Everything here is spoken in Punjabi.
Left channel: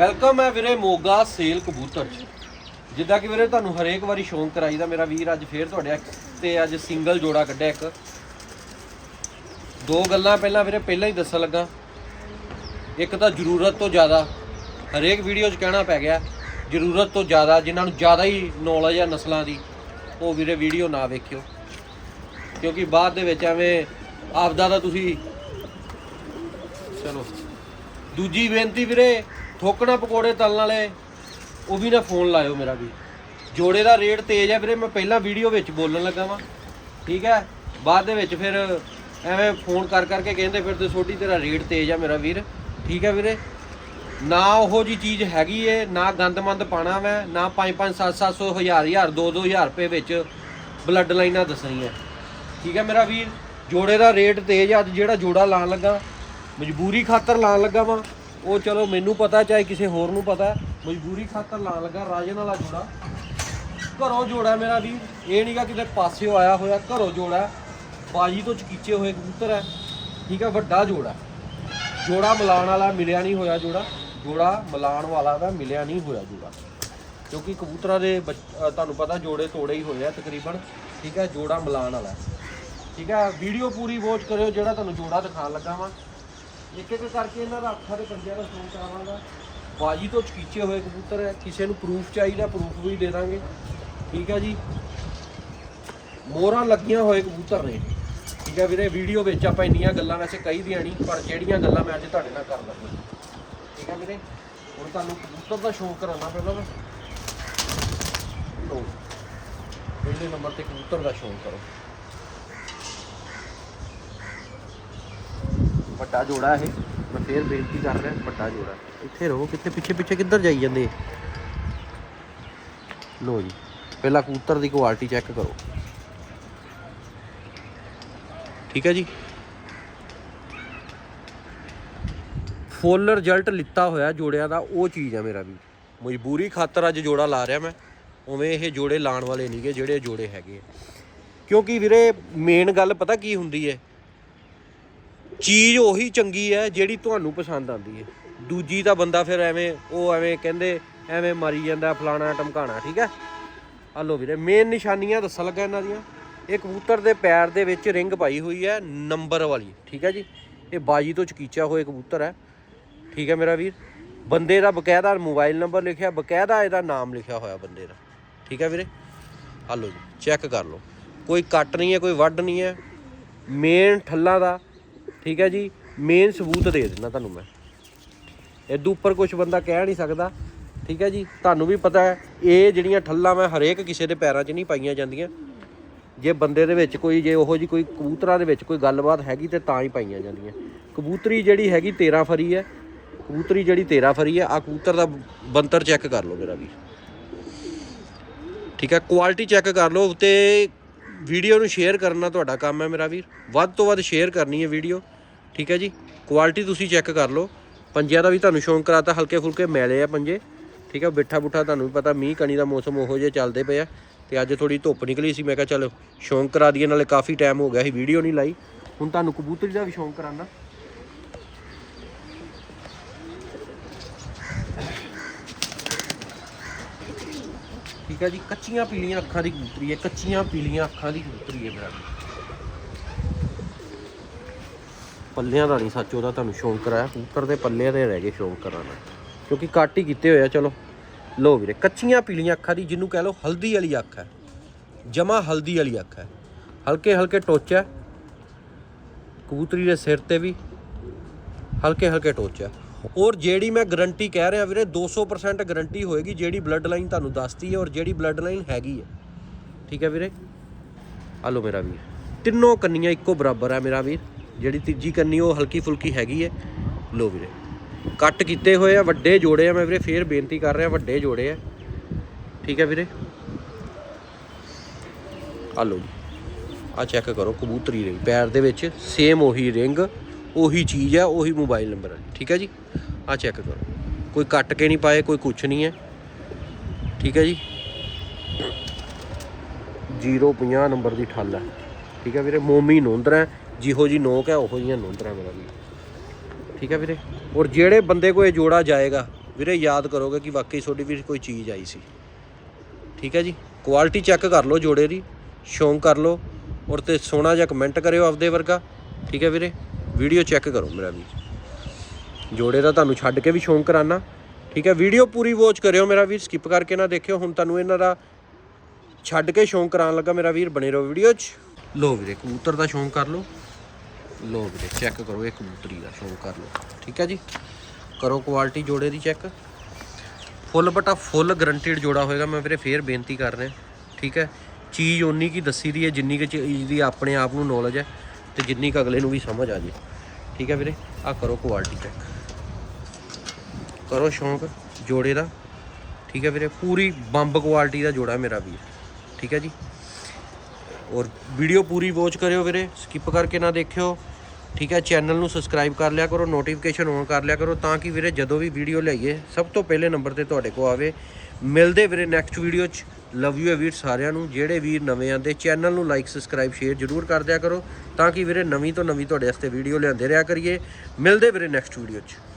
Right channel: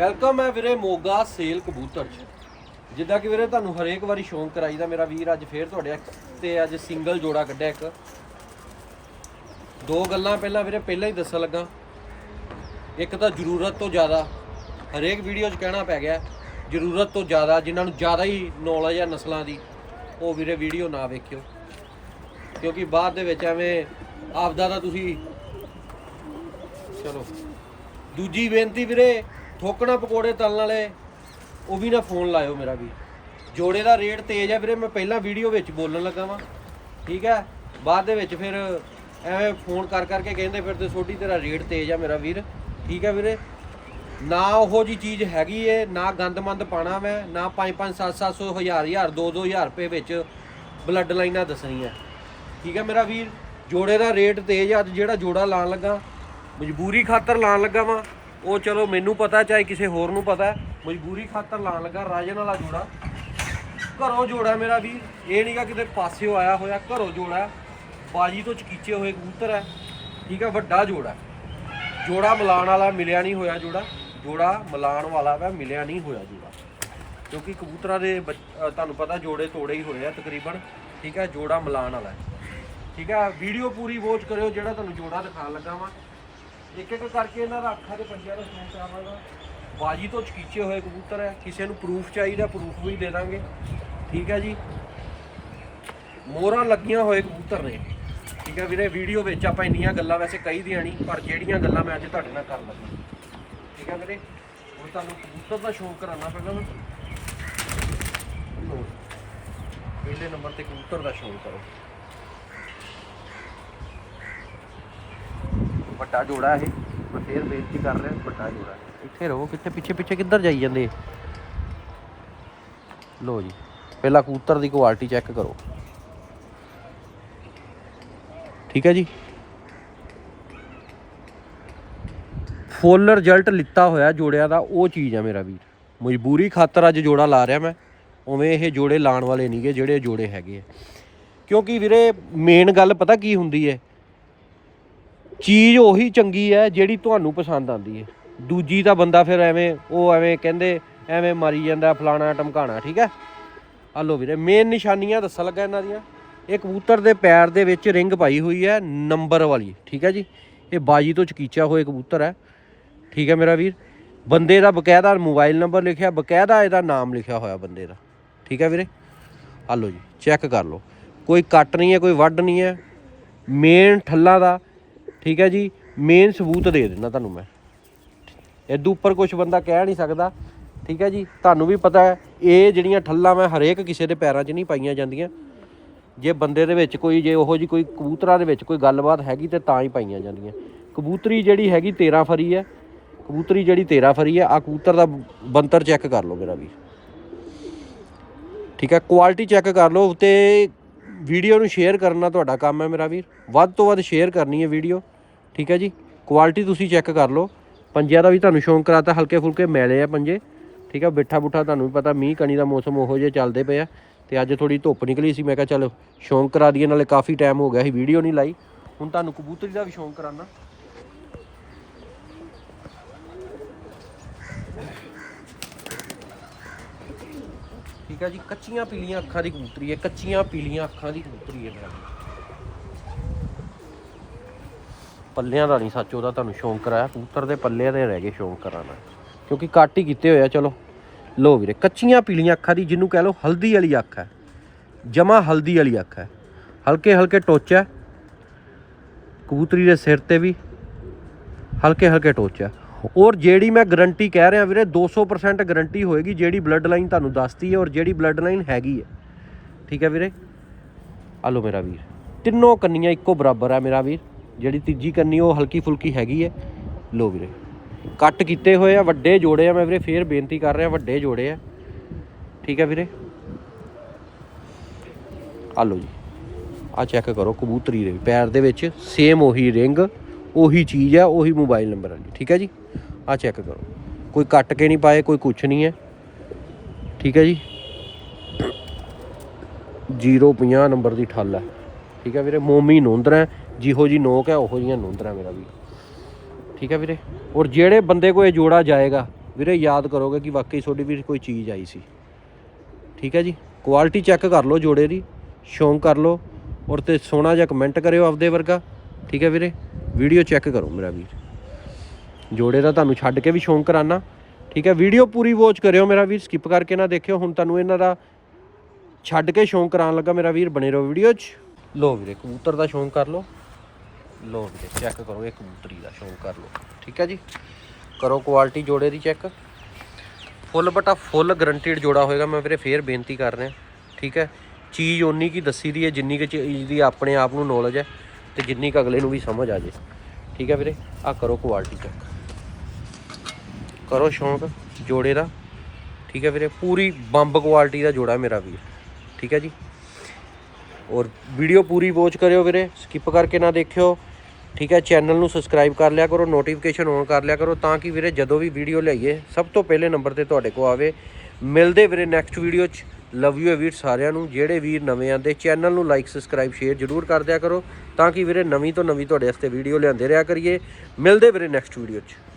ਵੈਲਕਮ ਹੈ ਵੀਰੇ ਮੋਗਾ ਸੇਲ ਕਬੂਤਰ ਚ। ਜਿੱਦਾਂ ਕਿ ਵੀਰੇ ਤੁਹਾਨੂੰ ਹਰੇਕ ਵਾਰੀ ਸ਼ੌਂਕ ਕਰਾਈਦਾ ਮੇਰਾ ਵੀਰ ਅੱਜ ਫੇਰ ਤੁਹਾਡੇ ਤੇ ਅੱਜ ਸਿੰਗਲ ਜੋੜਾ ਕੱਢਿਆ ਇੱਕ। ਦੋ ਗੱਲਾਂ ਪਹਿਲਾਂ ਵੀਰੇ, ਪਹਿਲਾਂ ਹੀ ਦੱਸਣ ਲੱਗਾ। ਇੱਕ ਤਾਂ ਜ਼ਰੂਰਤ ਤੋਂ ਜ਼ਿਆਦਾ, ਹਰੇਕ ਵੀਡੀਓ 'ਚ ਕਹਿਣਾ ਪੈ ਗਿਆ, ਜ਼ਰੂਰਤ ਤੋਂ ਜ਼ਿਆਦਾ, ਜਿਨ੍ਹਾਂ ਨੂੰ ਜ਼ਿਆਦਾ ਹੀ ਨੌਲੇਜ ਆ ਨਸਲਾਂ ਦੀ, ਉਹ ਵੀਰੇ ਵੀਡੀਓ ਨਾ ਵੇਖਿਓ। ਕਿਉਂਕਿ ਬਾਅਦ ਦੇ ਵਿੱਚ ਐਵੇਂ ਆਪਦਾ ਤਾਂ ਤੁਸੀਂ ਚਲੋ। ਦੂਜੀ ਬੇਨਤੀ ਵੀਰੇ ਠੋਕਣਾ ਪਕੌੜੇ ਤਲਣ ਵਾਲੇ, ਉਹ ਵੀ ਨਾ ਫੋਨ ਲਾਇਓ ਮੇਰਾ ਵੀ। ਜੋੜੇ ਦਾ ਰੇਟ ਤੇਜ਼ ਹੈ ਵੀਰੇ, ਮੈਂ ਪਹਿਲਾਂ ਵੀਡੀਓ ਵਿੱਚ ਬੋਲਣ ਲੱਗਾ ਵਾਂ। ਠੀਕ ਹੈ ਬਾਅਦ ਦੇ ਵਿੱਚ ਫਿਰ ਐਵੇਂ ਫੋਨ ਕਰ ਕਰਕੇ ਕਹਿੰਦੇ, ਫਿਰ ਤੇ ਛੋਟੀ ਤੇਰਾ ਰੇਟ ਤੇਜ਼ ਆ ਮੇਰਾ ਵੀਰ। ਠੀਕ ਹੈ ਵੀਰੇ? ਨਾ ਉਹੋ ਜੀ ਚੀਜ਼ ਹੈਗੀ ਏ, ਨਾ ਗੰਦਮੰਦ ਪਾਣਾ ਮੈਂ, ਨਾ 5 5 7 700 1000 1000 2 2000 ਰੁਪਏ ਵਿੱਚ ਬਲੱਡ ਲਾਈਨਾਂ ਦੱਸਣੀਆਂ। ਠੀਕ ਹੈ ਮੇਰਾ ਵੀਰ? ਜੋੜੇ ਦਾ ਰੇਟ ਤੇਜ਼ ਆ, ਅੱਜ ਜਿਹੜਾ ਜੋੜਾ ਲਾਣ ਲੱਗਾ, ਮਜਬੂਰੀ ਖਾਤਰ ਲਾਣ ਲੱਗਾ ਵਾਂ। ਉਹ ਚਲੋ ਮੈਨੂੰ ਪਤਾ ਚਾਹੇ ਕਿਸੇ ਹੋਰ ਨੂੰ ਪਤਾ ਮਜਬੂਰੀ ਖਾਤਰ ਲਾਣ ਲੱਗਾ, ਰਾਜਨ ਵਾਲਾ ਜੋੜਾ। ਘਰੋਂ ਜੋੜਾ ਮੇਰਾ ਵੀਰ। ਇਹ ਨਹੀਂਗਾ ਕਿਤੇ ਪਾਸਿਓ ਆਇਆ ਹੋਇਆ, ਘਰੋਂ ਜੋੜਾ ਬਾਜੀ ਤੋਂ ਚਕੀਚੇ ਹੋਏ ਕਬੂਤਰ ਹੈ। ਠੀਕ ਹੈ, ਵੱਡਾ ਜੋੜਾ ਜੋੜਾ ਮਿਲਾਣ ਵਾਲਾ ਮਿਲਿਆ ਨਹੀਂ ਹੋਇਆ ਜੋੜਾ। ਜੋੜਾ ਮਿਲਾਣ ਵਾਲਾ ਵਾ, ਮਿਲਿਆ ਨਹੀਂ ਹੋਇਆ ਜੋੜਾ। ਕਿਉਂਕਿ ਕਬੂਤਰਾਂ ਦੇ ਬੱਚ- ਤੁਹਾਨੂੰ ਪਤਾ ਜੋੜੇ ਤੋੜੇ ਹੀ ਹੋਏ ਆ ਤਕਰੀਬਨ। ਠੀਕ ਹੈ, ਜੋੜਾ ਮਿਲਾਣ ਵਾਲਾ ਠੀਕ ਹੈ, ਵੀਡੀਓ ਪੂਰੀ ਵਾਚ ਕਰਿਓ, ਜਿਹੜਾ ਤੁਹਾਨੂੰ ਜੋੜਾ ਦਿਖਾਉਣ ਲੱਗਾ ਵਾਂ। ਇੱਕ ਇੱਕ ਕਰਕੇ ਇਹਨਾਂ ਦਾ ਅੱਖਾਂ ਦੇ ਪੰਜਿਆਂ ਦਾ ਸ਼ੌਂਕ ਕਰਾਵਾਂਗਾ ਬਾਜੀ ਤੋਂ ਚਕੀਚੇ ਹੋਏ ਕਬੂਤਰ ਹੈ, ਕਿਸੇ ਨੂੰ ਪ੍ਰੂਫ ਚਾਹੀਦਾ ਪ੍ਰੂਫ ਵੀ ਦੇ ਦਾਂਗੇ। ਠੀਕ ਹੈ ਜੀ? ਮੋਹਰਾਂ ਲੱਗੀਆਂ ਹੋਏ ਕਬੂਤਰ ਨੇ ਇਹ। ਠੀਕ ਹੈ ਵੀਰੇ ਵੀਡੀਓ ਵਿੱਚ ਆਪਾਂ ਇੰਨੀਆਂ ਗੱਲਾਂ ਵੈਸੇ ਕਹੀ ਦੀਆਂ ਨਹੀਂ, ਪਰ ਜਿਹੜੀਆਂ ਗੱਲਾਂ ਮੈਂ ਅੱਜ ਤੁਹਾਡੇ ਨਾਲ ਕਰ ਲੱਗਾ। ਠੀਕ ਹੈ ਵੀਰੇ? ਹੁਣ ਤੁਹਾਨੂੰ ਕਬੂਤਰ ਦਾ ਸ਼ੌਂਕ ਕਰਾਉਣਾ ਪਹਿਲਾਂ ਨਾ ਲਓ ਪਹਿਲੇ ਨੰਬਰ ਤੇ ਕਬੂਤਰ ਦਾ ਸ਼ੌਂਕ ਕਰੋ। ਵੱਡਾ ਜੋੜਾ ਇਹ। ਮੈਂ ਫੇਰ ਬੇਨਤੀ ਕਰ ਰਿਹਾ, ਵੱਡਾ ਜੋੜਾ। ਇੱਥੇ ਰਹੋ, ਕਿੱਥੇ ਪਿੱਛੇ ਪਿੱਛੇ ਕਿੱਧਰ ਜਾਈ ਜਾਂਦੇ? ਲੋ ਜੀ, ਪਹਿਲਾਂ ਕਬੂਤਰ ਦੀ ਕੁਆਲਿਟੀ ਚੈੱਕ ਕਰੋ। ਠੀਕ ਹੈ ਜੀ? ਫੁੱਲ ਰਿਜ਼ਲਟ ਲਿੱਤਾ ਹੋਇਆ ਜੋੜਿਆਂ ਦਾ, ਉਹ ਚੀਜ਼ ਆ ਮੇਰਾ ਵੀਰ। ਮਜਬੂਰੀ ਖਾਤਰ ਅੱਜ ਜੋੜਾ ਲਾ ਰਿਹਾ ਮੈਂ। ਉਵੇਂ ਇਹ ਜੋੜੇ ਲਾਣ ਵਾਲੇ ਨਹੀਂਗੇ, ਜਿਹੜੇ ਜੋੜੇ ਹੈਗੇ ਕਿਉਂਕਿ ਵੀਰੇ ਮੇਨ ਗੱਲ ਪਤਾ ਕੀ ਹੁੰਦੀ ਹੈ? ਚੀਜ਼ ਉਹੀ ਚੰਗੀ ਹੈ ਜਿਹੜੀ ਤੁਹਾਨੂੰ ਪਸੰਦ ਆਉਂਦੀ ਹੈ। ਦੂਜੀ ਤਾਂ ਬੰਦਾ ਫਿਰ ਐਵੇਂ, ਉਹ ਐਵੇਂ ਕਹਿੰਦੇ, ਐਵੇਂ ਮਾਰੀ ਜਾਂਦਾ ਫਲਾਣਾ ਟਮਕਾਣਾ ਠੀਕ ਹੈ? ਆ ਲੋ ਵੀਰੇ ਮੇਨ ਨਿਸ਼ਾਨੀਆਂ ਦੱਸਣ ਲੱਗਾ ਇਹਨਾਂ ਦੀਆਂ। ਇਹ ਕਬੂਤਰ ਦੇ ਪੈਰ ਦੇ ਵਿੱਚ ਰਿੰਗ ਪਾਈ ਹੋਈ ਹੈ ਨੰਬਰ ਵਾਲੀ, ਠੀਕ ਹੈ ਜੀ? ਇਹ ਬਾਜੀ ਤੋਂ ਚਕੀਚਾ ਹੋਏ ਕਬੂਤਰ ਹੈ। ਠੀਕ ਹੈ ਮੇਰਾ ਵੀਰ? ਬੰਦੇ ਦਾ ਬਕਾਇਦਾ ਮੋਬਾਈਲ ਨੰਬਰ ਲਿਖਿਆ, ਬਕਾਇਦਾ ਇਹਦਾ ਨਾਮ ਲਿਖਿਆ ਹੋਇਆ ਬੰਦੇ ਦਾ। ਠੀਕ ਹੈ ਵੀਰੇ? ਆ ਲੋ ਜੀ ਚੈੱਕ ਕਰ ਲਓ। ਕੋਈ ਕੱਟ ਨਹੀਂ ਹੈ, ਕੋਈ ਵੱਢ ਨਹੀਂ ਹੈ। ਮੇਨ ਠੱਲਾ ਦਾ ਠੀਕ ਹੈ ਜੀ ਮੇਨ ਸਬੂਤ ਦੇ ਦਿੰਦਾ ਤੁਹਾਨੂੰ ਮੈਂ। ਇਦੋਂ ਉੱਪਰ ਕੁਝ ਬੰਦਾ ਕਹਿ ਨਹੀਂ ਸਕਦਾ, ਠੀਕ ਹੈ ਜੀ, ਤੁਹਾਨੂੰ ਵੀ ਪਤਾ ਹੈ, ਇਹ ਜਿਹੜੀਆਂ ਠੱਲਾਂ ਮੈਂ ਹਰੇਕ ਕਿਸੇ ਦੇ ਪੈਰਾਂ 'ਚ ਨਹੀਂ ਪਾਈਆਂ ਜਾਂਦੀਆਂ। ਜੇ ਬੰਦੇ ਦੇ ਵਿੱਚ ਕੋਈ, ਜੇ ਉਹੋ ਜੀ ਕੋਈ ਕਬੂਤਰਾਂ ਦੇ ਵਿੱਚ ਕੋਈ ਗੱਲਬਾਤ ਹੈਗੀ ਤੇ ਤਾਂ ਹੀ ਪਾਈਆਂ ਜਾਂਦੀਆਂ। ਕਬੂਤਰੀ ਜਿਹੜੀ ਹੈਗੀ 13 ਫਰੀ ਹੈ, ਕਬੂਤਰੀ ਜਿਹੜੀ 13 ਫਰੀ ਹੈ, ਆ ਕਬੂਤਰ ਦਾ ਬੰਤਰ ਚੈੱਕ ਕਰ ਲਓ ਮੇਰਾ ਵੀ ਠੀਕ ਹੈ ਕੁਆਲਿਟੀ ਚੈੱਕ ਕਰ ਲਓ ਤੇ ਵੀਡੀਓ ਨੂੰ ਸ਼ੇਅਰ ਕਰਨਾ ਤੁਹਾਡਾ ਕੰਮ ਹੈ ਮੇਰਾ ਵੀਰ। ਵੱਧ ਤੋਂ ਵੱਧ ਸ਼ੇਅਰ ਕਰਨੀ ਹੈ ਵੀਡੀਓ। ਠੀਕ ਹੈ ਜੀ? ਕੁਆਲਿਟੀ ਤੁਸੀਂ ਚੈੱਕ ਕਰ ਲਓ। ਪੰਜਿਆਂ ਦਾ ਵੀ ਤੁਹਾਨੂੰ ਸ਼ੌਂਕ ਕਰਾਤਾ, ਹਲਕੇ ਫੁਲਕੇ ਮੈਲੇ ਆ ਪੰਜੇ। ਠੀਕ ਆ ਬਿੱਠਾ ਬੁੱਠਾ ਤੁਹਾਨੂੰ ਵੀ ਪਤਾ, ਮੀਂਹ ਕਣੀ ਦਾ ਮੌਸਮ ਉਹੋ ਜਿਹਾ ਚੱਲਦੇ ਪਏ ਆ ਤੇ ਅੱਜ ਥੋੜੀ ਧੁੱਪ ਨਿਕਲੀ ਸੀ, ਮੈਂ ਕਿਹਾ ਚਲੋ ਸ਼ੌਂਕ ਕਰਾ ਦਈਏ, ਨਾਲੇ ਕਾਫੀ ਟਾਈਮ ਹੋ ਗਿਆ ਸੀ, ਵੀਡੀਓ ਨਹੀਂ ਲਾਈ। ਹੁਣ ਤੁਹਾਨੂੰ ਕਬੂਤਰੀ ਦਾ ਵੀ ਸ਼ੌਂਕ ਕਰਾਨਾ। ਠੀਕ ਹੈ ਜੀ, ਕੱਚੀਆਂ ਪੀਲੀਆਂ ਅੱਖਾਂ ਦੀ ਕਬੂਤਰੀ ਹੈ, ਕੱਚੀਆਂ ਪੀਲੀਆਂ ਅੱਖਾਂ ਦੀ ਕਬੂਤਰੀ ਹੈ ਮੇਰਾ ਪੱਲਿਆਂ ਦਾ ਨਹੀਂ ਸੱਚ, ਉਹਦਾ ਤੁਹਾਨੂੰ ਸ਼ੌਂਕ ਕਰਾਇਆ, ਕਬੂਤਰ ਦੇ ਪੱਲਿਆਂ ਦੇ ਰਹਿ ਗਏ ਸ਼ੌਂਕ ਕਰਾਉਣਾ ਕਿਉਂਕਿ ਕੱਟ ਹੀ ਕੀਤੇ ਹੋਏ ਆ, ਚਲੋ। ਲੋ ਵੀਰੇ, ਕੱਚੀਆਂ ਪੀਲੀਆਂ ਅੱਖਾਂ ਦੀ ਜਿਹਨੂੰ ਕਹਿ ਲਓ ਹਲਦੀ ਵਾਲੀ ਅੱਖ ਹੈ, ਜਮਾ ਹਲਦੀ ਵਾਲੀ ਅੱਖ ਹੈ। ਹਲਕੇ ਹਲਕੇ ਟੋਚਾ ਕਬੂਤਰੀ ਦੇ ਸਿਰ ਤੇ ਵੀ ਹਲਕੇ ਹਲਕੇ ਟੋਚਾ ਔਰ ਜਿਹੜੀ ਮੈਂ ਗਰੰਟੀ ਕਹਿ ਰਿਹਾ ਵੀਰੇ 200% ਗਰੰਟੀ ਹੋਏਗੀ, ਜਿਹੜੀ ਬਲੱਡ ਲਾਈਨ ਤੁਹਾਨੂੰ ਦੱਸਦੀ ਹੈ ਔਰ ਜਿਹੜੀ ਬਲੱਡ ਲਾਈਨ ਹੈਗੀ ਹੈ। ਠੀਕ ਹੈ ਵੀਰੇ? ਆ ਲਓ ਮੇਰਾ ਵੀਰ। ਤਿੰਨੋਂ ਕੰਨੀਆਂ ਇੱਕੋ ਬਰਾਬਰ ਆ ਮੇਰਾ ਵੀਰ। ਜਿਹੜੀ ਤੀਜੀ ਕੰਨੀ ਉਹ ਹਲਕੀ ਫੁਲਕੀ ਹੈਗੀ ਹੈ। ਲੋ ਵੀਰੇ। ਕੱਟ ਕੀਤੇ ਹੋਏ ਆ, ਵੱਡੇ ਜੋੜੇ ਆ ਮੈਂ ਵੀਰੇ, ਫੇਰ ਬੇਨਤੀ ਕਰ ਰਿਹਾ, ਵੱਡੇ ਜੋੜੇ ਆ। ਠੀਕ ਹੈ ਵੀਰੇ? ਆ ਲਓ ਜੀ। ਆ ਚੈੱਕ ਕਰੋ, ਕਬੂਤਰੀ ਰਿੰਗ ਪੈਰ ਦੇ ਵਿੱਚ ਸੇਮ ਉਹੀ ਰਿੰਗ ਉਹੀ ਚੀਜ਼ ਆ, ਉਹੀ ਮੋਬਾਈਲ ਨੰਬਰ ਵਾਲੀ ਠੀਕ ਹੈ ਜੀ? ਆ ਚੈੱਕ ਕਰੋ। ਕੋਈ ਕੱਟ ਕੇ ਨਹੀਂ ਪਾਏ, ਕੋਈ ਕੁਛ ਨਹੀਂ ਹੈ। ਠੀਕ ਹੈ ਜੀ? 050 ਨੰਬਰ ਦੀ ਠੱਲ ਹੈ ਠੀਕ ਹੈ ਵੀਰੇ, ਮੋਮੀ ਨੋਂਦਰਾ ਜਿਹੋ ਜੀ ਨੋਕ ਹੈ, ਉਹੋ ਜੀਆਂ ਨੋਂਦਰਾ ਮੇਰਾ ਵੀ ਠੀਕ ਹੈ ਵੀਰੇ? ਔਰ ਜਿਹੜੇ ਬੰਦੇ ਕੋਲ ਇਹ ਜੋੜਾ ਜਾਏਗਾ, ਵੀਰੇ ਯਾਦ ਕਰੋਗੇ ਕਿ ਵਾਕਈ ਤੁਹਾਡੀ ਵੀ ਕੋਈ ਚੀਜ਼ ਆਈ ਸੀ। ਠੀਕ ਹੈ ਜੀ? ਕੁਆਲਿਟੀ ਚੈੱਕ ਕਰ ਲਓ ਜੋੜੇ ਦੀ ਸ਼ੌਂਕ ਕਰ ਲਓ, ਔਰ ਤੇ ਸੋਹਣਾ ਜਿਹਾ ਕਮੈਂਟ ਕਰਿਓ ਆਪਦੇ ਵਰਗਾ। ਠੀਕ ਹੈ ਵੀਰੇ? ਵੀਡੀਓ ਚੈੱਕ ਕਰੋ ਮੇਰਾ ਵੀਰ। ਜੋੜੇ ਦਾ ਤੁਹਾਨੂੰ ਛੱਡ ਕੇ ਵੀ ਸ਼ੌਂਕ ਕਰਾਨਾ। ਠੀਕ ਹੈ, ਵੀਡੀਓ ਪੂਰੀ ਵਾਚ ਕਰਿਓ ਮੇਰਾ ਵੀਰ ਸਕਿਪ ਕਰਕੇ ਨਾ ਦੇਖਿਓ। ਹੁਣ ਤੁਹਾਨੂੰ ਇਹਨਾਂ ਦਾ ਛੱਡ ਕੇ ਸ਼ੌਂਕ ਕਰਾਉਣ ਲੱਗਾ ਮੇਰਾ ਵੀਰ, ਬਣੇ ਰਹੋ ਵੀਡੀਓ 'ਚ। ਲੋ ਵੀਰੇ, ਕਬੂਤਰ ਦਾ ਸ਼ੌਂਕ ਕਰ ਲਓ। ਲੋ ਵੀਰੇ ਚੈੱਕ ਕਰੋ ਇਹ ਕਬੂਤਰੀ ਦਾ ਸ਼ੌਂਕ ਕਰ ਲਓ। ਠੀਕ ਹੈ ਜੀ? ਕਰੋ ਕੁਆਲਿਟੀ ਜੋੜੇ ਦੀ ਚੈੱਕ ਫੁੱਲ ਬਟਾ ਫੁੱਲ ਗਰੰਟਿਡ ਜੋੜਾ ਹੋਏਗਾ। ਮੈਂ ਵੀਰੇ ਫੇਰ ਬੇਨਤੀ ਕਰ ਰਿਹਾ। ਠੀਕ ਹੈ? ਚੀਜ਼ ਓਨੀ ਕੀ ਦੱਸੀ ਦੀ ਹੈ, ਜਿੰਨੀ ਕੁ ਚੀਜ਼ ਦੀ ਆਪਣੇ ਆਪ ਨੂੰ ਨੌਲੇਜ ਹੈ। ਤੇ ਜਿੰਨੀ ਕੁ ਅਗਲੇ ਨੂੰ ਵੀ ਸਮਝ ਆ ਜੇ। ਠੀਕ ਹੈ ਵੀਰੇ? ਆ ਕਰੋ ਕੁਆਲਿਟੀ ਚੈੱਕ ਕਰੋ ਸ਼ੌਂਕ ਜੋੜੇ ਦਾ। ਠੀਕ ਹੈ ਵੀਰੇ? ਪੂਰੀ ਬੰਬ ਕੁਆਲਿਟੀ ਦਾ ਜੋੜਾ ਮੇਰਾ ਵੀ। ਠੀਕ ਹੈ ਜੀ? ਔਰ ਵੀਡੀਓ ਪੂਰੀ ਵਾਚ ਕਰਿਓ ਵੀਰੇ। ਸਕਿਪ ਕਰਕੇ ਨਾ ਦੇਖਿਓ। ਠੀਕ ਹੈ? ਚੈਨਲ ਨੂੰ ਸਬਸਕ੍ਰਾਈਬ ਕਰ ਲਿਆ ਕਰੋ ਨੋਟੀਫਿਕੇਸ਼ਨ ਔਨ ਕਰ ਲਿਆ ਕਰੋ ਤਾਂ ਕਿ ਵੀਰੇ ਜਦੋਂ ਵੀ ਵੀਡੀਓ ਲਈਏ ਸਭ ਤੋਂ ਪਹਿਲੇ ਨੰਬਰ ਤੇ ਤੁਹਾਡੇ ਕੋਲ ਆਵੇ। ਮਿਲਦੇ ਵੀਰੇ ਨੈਕਸਟ ਵੀਡੀਓ 'ਚ। ਲਵ ਯੂ ਵੀਰ ਸਾਰਿਆਂ ਨੂੰ। ਜਿਹੜੇ ਵੀਰ ਨਵੇਂ ਆਂਦੇ ਚੈਨਲ ਨੂੰ ਲਾਈਕ ਸਬਸਕ੍ਰਾਈਬ ਸ਼ੇਅਰ ਜਰੂਰ ਕਰ ਦਿਆ ਕਰੋ। ਤਾਂ ਕਿ ਵੀਰੇ ਨਵੀਂ ਤੋਂ ਨਵੀਂ ਤੁਹਾਡੇ ਵਾਸਤੇ ਵੀਡੀਓ ਲਿਆਂਦੇ ਰਿਹਾ ਕਰੀਏ। ਮਿਲਦੇ ਵੀਰੇ ਨੈਕਸਟ ਵੀਡੀਓ 'ਚ।